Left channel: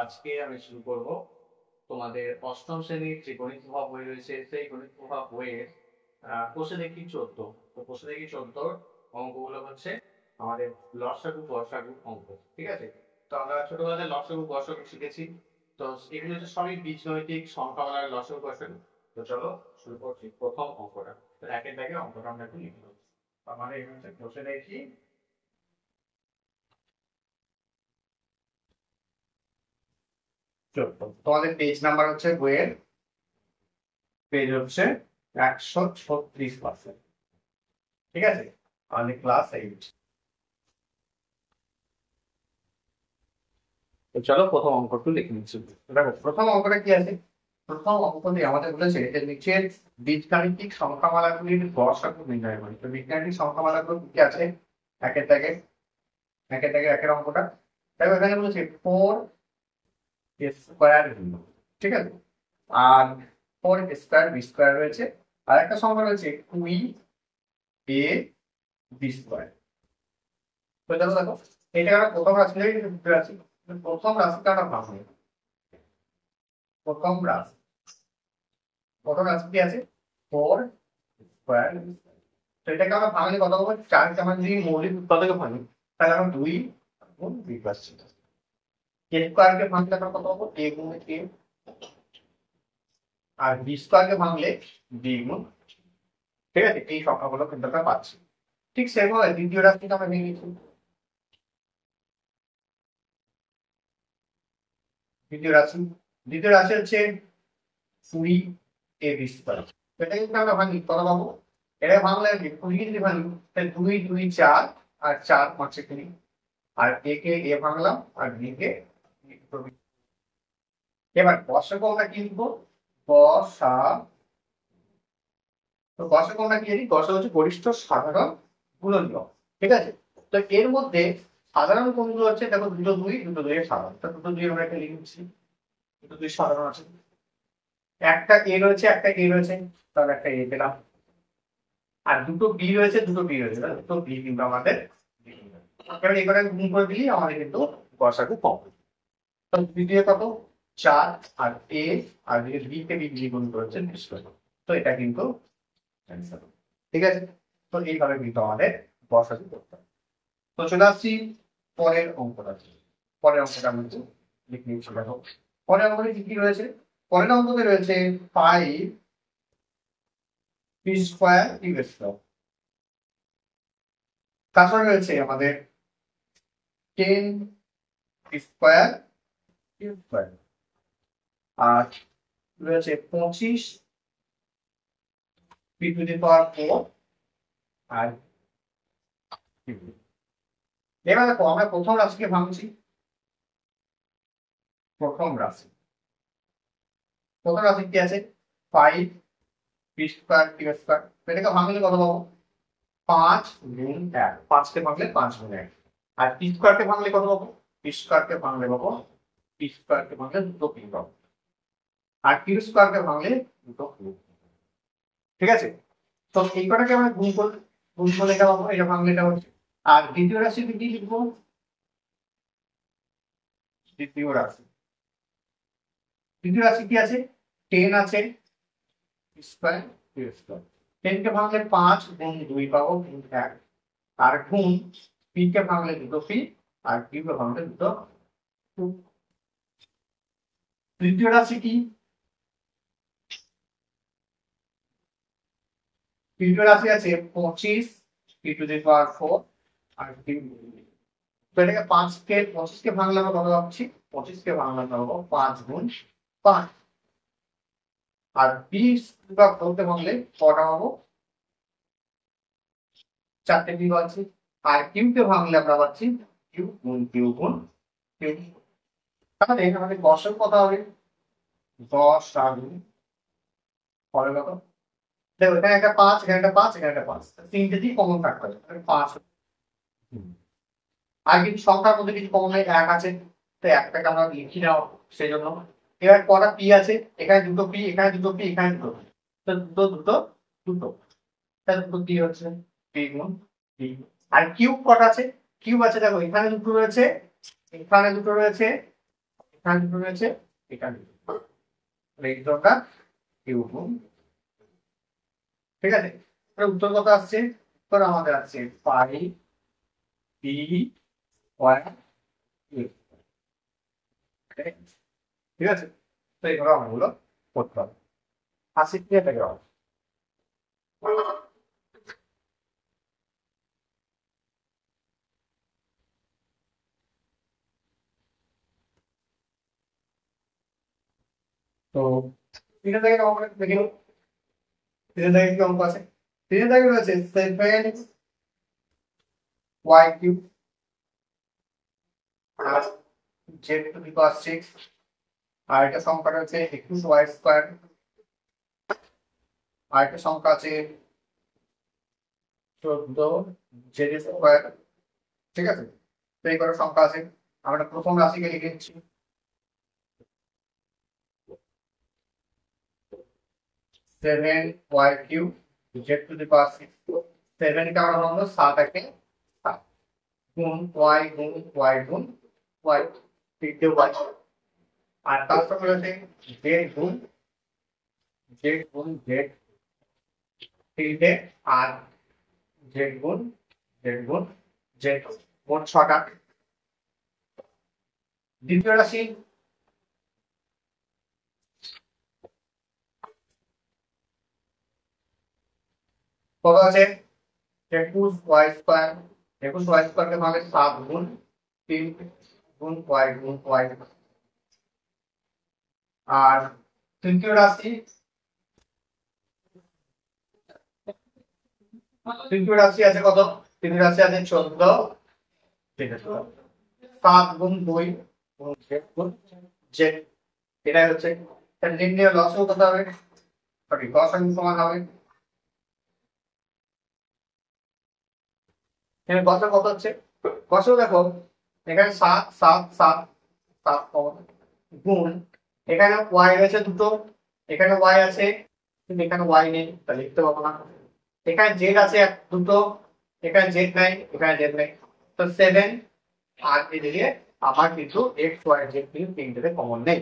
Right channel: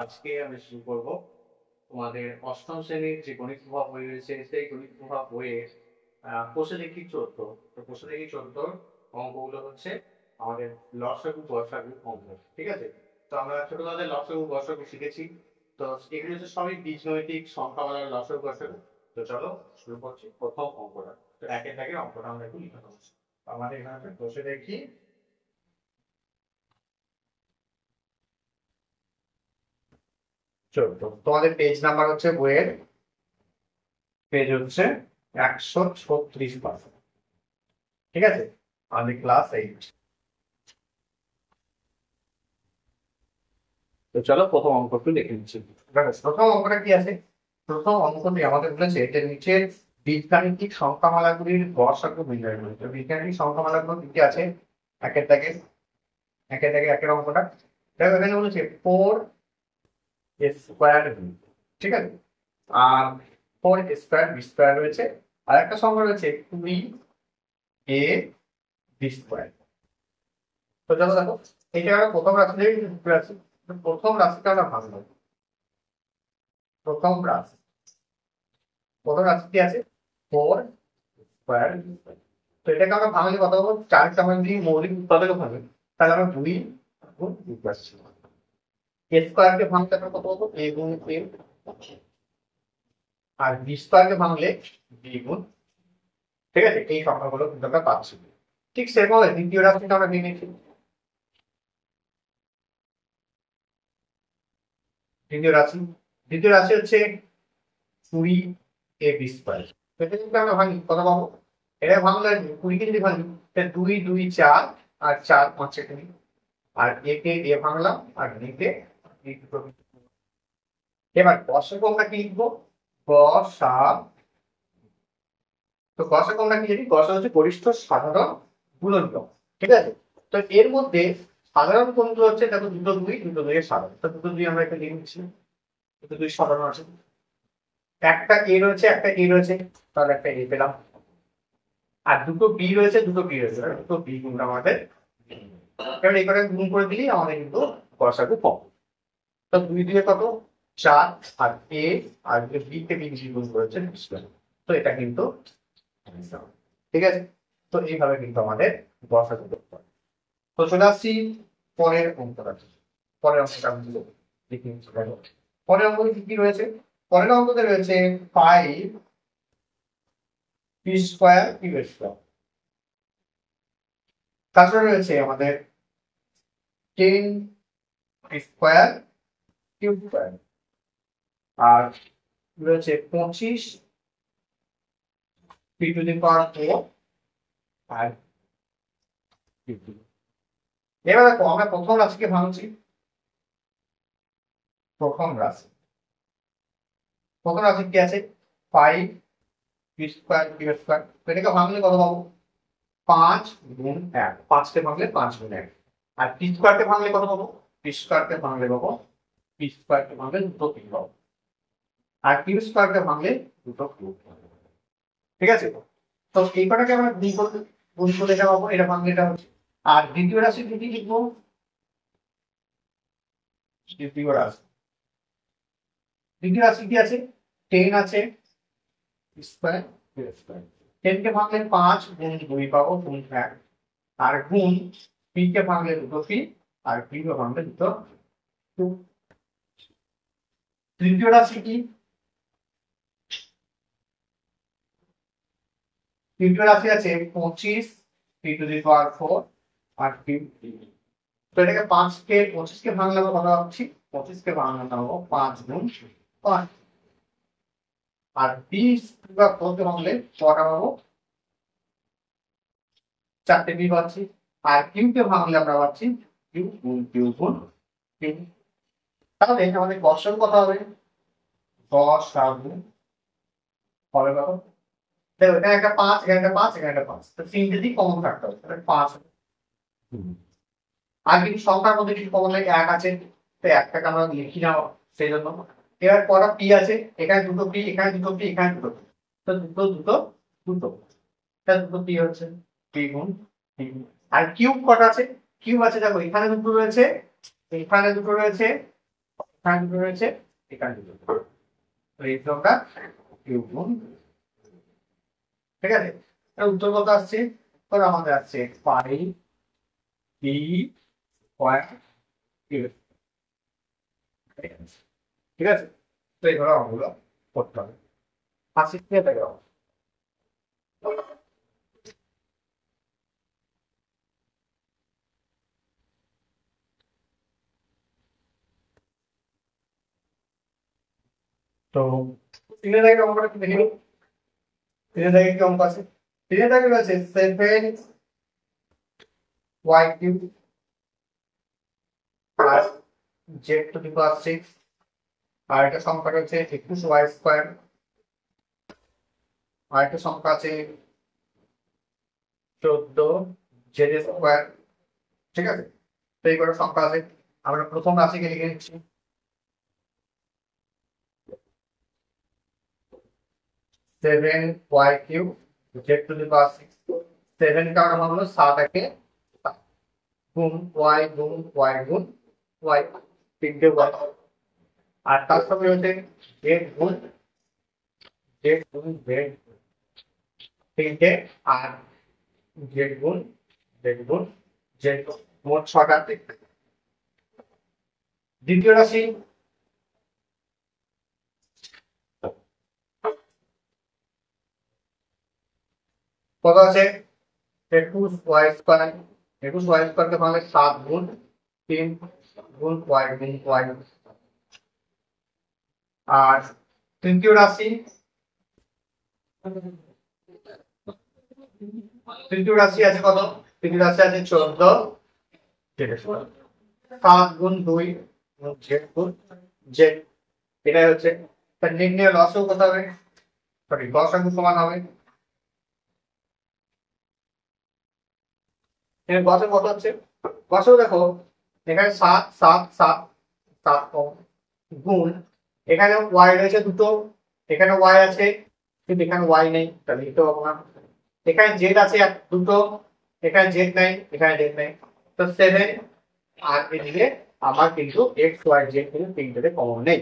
আজকে আমি শুরু করব তোমাদের অষ্টম শ্রেণীর যে গণিত প্রভাব বই রয়েছে সেই গণিত প্রভাব বইয়ের কোষে দেখি 14। তো কোষে দেখি 14 অঙ্কগুলো হচ্ছে আমাদের লসাগু গসাগু অঙ্ক। ঠিক আছে, তো আমরা ছোটবেলায় লসাগু গসাগু শিখেছি। তো এগুলো হচ্ছে সবই বীজগণিতিক সংখ্যামালার লসাগু গসাগু। তো চলো শুরু করছি প্রথম অঙ্কটা। তো একের দাগের অঙ্কটা আমরা একটু লিখে দেবো। আমাদের এখানে হচ্ছে কোষে দেখি 14। তোমাদের পেজ নাম্বার হচ্ছে বইয়ের পেজ হচ্ছে 136%। ঠিক আছে, আমাদের ক্লাস 8। তো চলো প্রথম অঙ্কটি লিখে নিচ্ছি। দেখো প্রথম অঙ্কটা কি আছে। প্রথম অঙ্কটি আমাদের বলেছে যে নিচের বীজগাণিতিক সংখ্যামালাগুলির গসাগু নির্ণয় করি। তো বীজগাণিতিক সংখ্যামালাগুলো কি কি আছে একের দাগে, একের অঙ্কটা দেখো। এখানে বলেছে 4 স্কোয়ার, ঠিক আছে, আর 4 স্কোয়ার বি স্কোয়ার রয়েছে, আর একটা সংখ্যা রয়েছে 20 a বি স্কোয়ার। তো চলো দেখো, এটা একটা প্রথম রাশি থেকে দ্বিতীয় রাশি। প্রথম রাশিটা আমরা ভাঙবো। প্রথম রাশি, প্রথম রাশি কি আছে 4 স্কোয়ার। তো এটাকে আমরা ভাঙলে কত পাবো? 4কে আমরা যদি মৌলিক উৎপাদকে ভাঙি তাহলে আমরা 2 গুণ বি পাচ্ছি। এ স্কোয়ারকে ভাঙলে আমরা কত পাবো? a গুণ a, আর বি স্কোয়ারকে ভাঙলে বি গুণ। ঠিক আছে, এই সংখ্যাগুলো কিন্তু আমরা পাচ্ছি। ঠিক সেভাবে দ্বিতীয় রাশিটা আমরা ভেঙে নিচ্ছি। দ্বিতীয় রাশি হচ্ছে 20 a বি স্কোয়ার। এটা কিন্তু আমরা ভাঙি কত পাবো? এটা ভাঙলে 20 যদি ভাঙি তাহলে 2 2 4, আর 4 5 20, আর a K a ভাঙলাম R b K b দুটো। এবার গসাগু আমরা কি লিখবো? গসাগু। তো গসাগু আমরা কি জানি? গসাগু হচ্ছে গরিষ্ঠ সাধারণ গুণনীয়ক। ঠিক আছে, তো এর মধ্যে সাধারণ কোনগুলো হচ্ছে? দেখো দুটো 2 এর সাধারণ। তো দুটো 2 আমরা একটা লিখে নিচ্ছি। দুটো 2 সাধারণ আছে, একটা এ রয়েছে একটা এ রয়েছে, তাহলে একটা এ পেলাম। আর দুটো বি রয়েছে দুটো বি কিন্তু আমাদের। এবার এই কটা গুণ করে দিলেই আমাদের কিন্তু গসাগু পাবো। তো 2 দিয়ে কত? 4, আর এ আর বি কে বি গুণ করেছে 20। তো এটা কিন্তু answer। ঠিক আছে, তো এইভাবে কিন্তু আমাদের গসাগু করতে হবে। তো চলে আসছি পরের অঙ্কটা। আমি লিখে নিচ্ছি। দেখো পরের অঙ্কে কি কি রয়েছে। পরের অঙ্কতে রয়েছে 5 পি স্কোয়ার কিউ স্কোয়ার। তারপরে রয়েছে আমাদের 10 পি স্কোয়ার কিউ স্কোয়ার, আর রয়েছে 25 পি টু দি পাওয়ার 4 আর কিউ। এবার দেখো আমরা প্রথম রাশিকে ভাঙছি। প্রথম রাশি কি আছে? 5 পি স্কোয়ার কিউ স্কোয়ার। এটাকে ভাঙলে কত পাবো? 5 গুণ 1। 5 কে ভাঙলে 5 গুণ 1। আর পি স্কোয়ারকে ভাঙলে কত পাবো? পি স্কোয়ারকে ভাঙলে দুটো পি পাবো, আর কিউ স্কোয়ারকে ভাঙলে দুটো কিউ। ঠিক আছে, তো এই কটাকে আমরা গুণ করলে এটা পাবো, এটা ভাঙলে এটা হচ্ছে। আর দ্বিতীয় রাশি কি লিখবো? দ্বিতীয় রাশি কি আছে? 10 আছে স্কোয়ার কিউ স্কোয়ার। 10 কে ভাঙলে 5 গুণ 2 পাবো গুণ 1, আর গুণ পি কে ভাঙলে দুটো পি, আর কিউ কে ভাঙলে দুটো কিউ। তৃতীয় রাশি কি? তৃতীয় রাশি আছে 25 পি টু দি পাওয়ার 4 আর কিউ। তো এটাকে 25 কে ভাঙলে আমরা কত পাচ্ছি? 25 কে ভাঙলে আমরা পাবো 5 গুণ 5। আর 20 বা 4 কে ভাঙলে কটা পাবো? 4টে বি পাচ্ছি। আর কিউ কে ভাঙলে আমরা পাচ্ছি কিউ গুণ কিউ গুণ কিউ। তাহলে আমাদের গসাগু কত হবে? গসাগু হবে কত? দেখো এখানে একটা 5, এখানে একটা 5, এখানে একটা 5, তো তিনটে দিক কমন থাকতে হবে, তাহলে 5। আর কিন্তু সংখ্যার মধ্যে কিছু কমন নাই, 1 আছে, তো 1টাকে আমরা লিখি নাও সেই জন্য। এবার কটা পি আছে? এখানে দুটো পি, এখানে দুটো পি, এখানে দুটো পি, তো দুটো তাহলে দুটো পি হচ্ছে পি গুণ পি। আর কিউব কটা আছে? কিউব আছে দেখো এখানে দুটো রয়েছে, এখানে দুটো রয়েছে, এখানে দুটো রয়েছে, এখানে দুটো, এই দুটোটা কিউ গুণ, ঠিক আছে। উত্তর কত আসছে? উত্তর আমাদের আসছে পাই পি স্কয়ার কিউ, ঠিক আছে। তো এইভাবে অঙ্কগুলো করতে হবে। 80 থেকে থেকে হবে। তো 3 থেকে অঙ্কটা একটু দেখে নিই। 3 থেকে কি অঙ্ক আছে? 3 থেকে রয়েছে 7y³ আর z⁶, আর একটা সংখ্যা রয়েছে 21y², আর একটা সংখ্যা আছে 14z², ঠিক আছে। তো এই কটা সংখ্যা আছে। আমরা প্রথম রাশিকে লিখে নিচ্ছি, 7y³ z⁶। 7 কে আমরা ভাবলো 7 একে 7 গুণ y গুণ y গুণ y, 3টে y, আর তার সঙ্গে রয়েছে z গুণ z গুণ z, 3টে, আর z গুণ z গুণ z, মোট 6টা। দ্বিতীয় রাশি কত আছে? 21y², 21y² কে ভাঙলে 7 গুণ 3 গুণ y গুণ y, আর তৃতীয় রাশি আছে কত? তৃতীয় রাশি আছে 14z², 7 গুণ 2 গুণ z গুণ z, এটাই হচ্ছে তার নির্ণয়। লসও কত হবে? সরি, লসাগু সমান হবে, এখানে গসে কত হচ্ছে? গসেও দেখো এখানে 7 7 7 7 গুণ, এখানে y রয়েছে দুটো, এখানে y আছে কিন্তু এখানে y নেই, তাহলে লিখতে পাবো না। এখানে z আছে দুটো, এখানে z নাই, এখানে z নাই, তো 7, আর এদিকে আমার কিন্তু x y z কিন্তু তিনটেতে কমন নেই।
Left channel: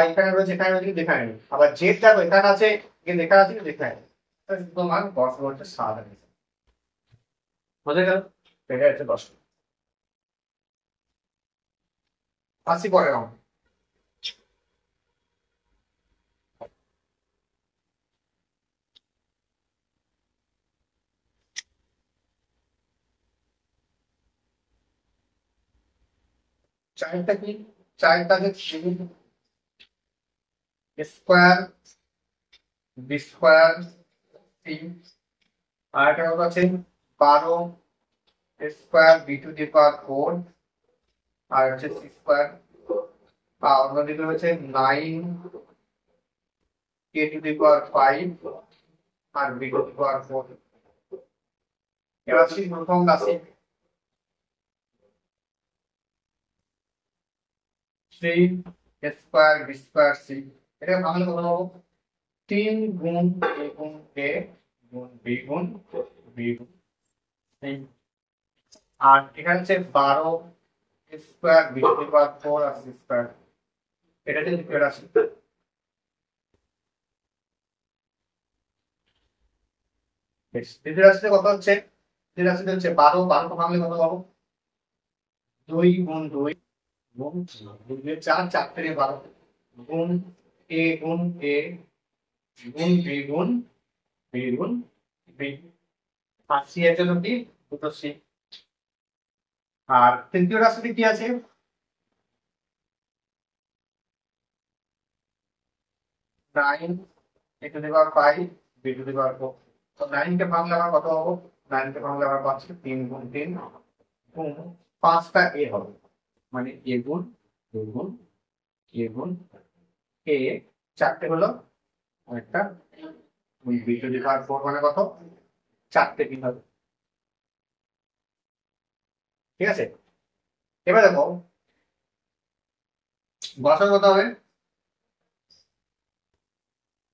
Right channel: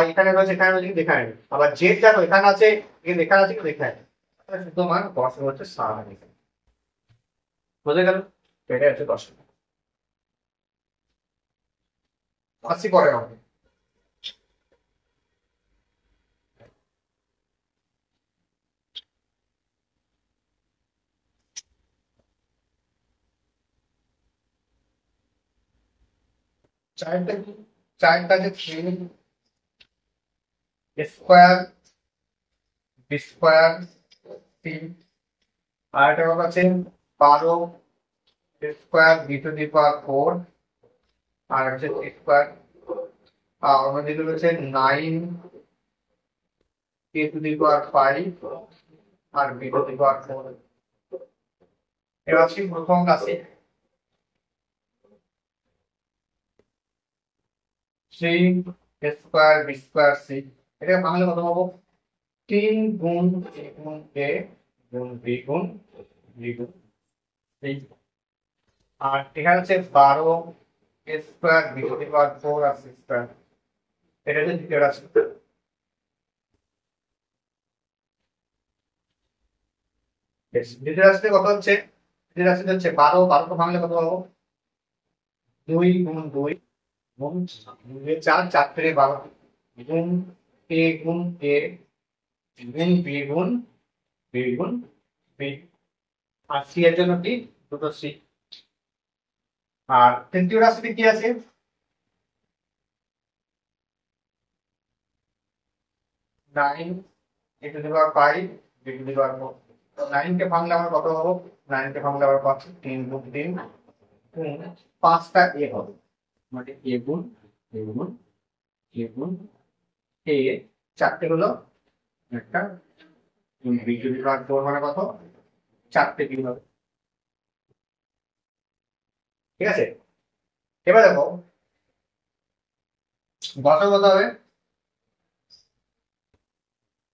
y এখানে রয়েছে, এখানে রয়েছে কিন্তু এখানে নেই, আবার z দেখো এখানে আছে কিন্তু এখানে আছে কিন্তু এখানে নেই, তাহলে শুধু আমার গস হচ্ছে 7 আর এখানে। বোঝা গেল? এটা হচ্ছে 10। আসছি পরের অঙ্ক। চারটা কি? চারটা যে 3 স্কয়ার বি স্কয়ার সি, আর একটা কত আছে 12 স্কয়ার b⁴, আর হচ্ছে সি স্কয়ার, আর অন্যদিকে হচ্ছে 9 k⁵, আর b⁴। এবার আসি প্রথম রাশি 3 স্কয়ার b²c, এটা ভাঙলে কত পাবো? 3 গুণ a গুণ a গুণ b গুণ b গুণ c, আর এখানে হচ্ছে 12 স্কয়ার b⁴ আর c স্কয়ার, এটা হচ্ছে দ্বিতীয় রাশি। দ্বিতীয় রাশিতে কত হচ্ছে? দ্বিতীয় রাশিতে হচ্ছে 12, 12 কে ভাঙলে কত পাবো? 2 গুণ 2 গুণ 2 4, 4 থেকে 12 গুণ a গুণ a গুণ b গুণ b গুণ b, আর সি এর জন্য কি? দুটো সি। আর তৃতীয় রাশিতে কি আছে? 9 a⁵, b⁴। তো 9 কে ভাঙলে আবার কত পাবো? 9 কে ভাঙলে আবার পাচ্ছি 3 গুণ 3 গুণ 5টা a হবে, মানে a গুণ a গুণ a গুণ a, 4টে হলো একটা b⁴, মানে কত? 4টে b হবে, ঠিক আছে। এবার দেখো গসা কত হবে?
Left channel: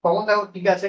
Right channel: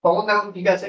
কমন দেখো ঠিক আছে,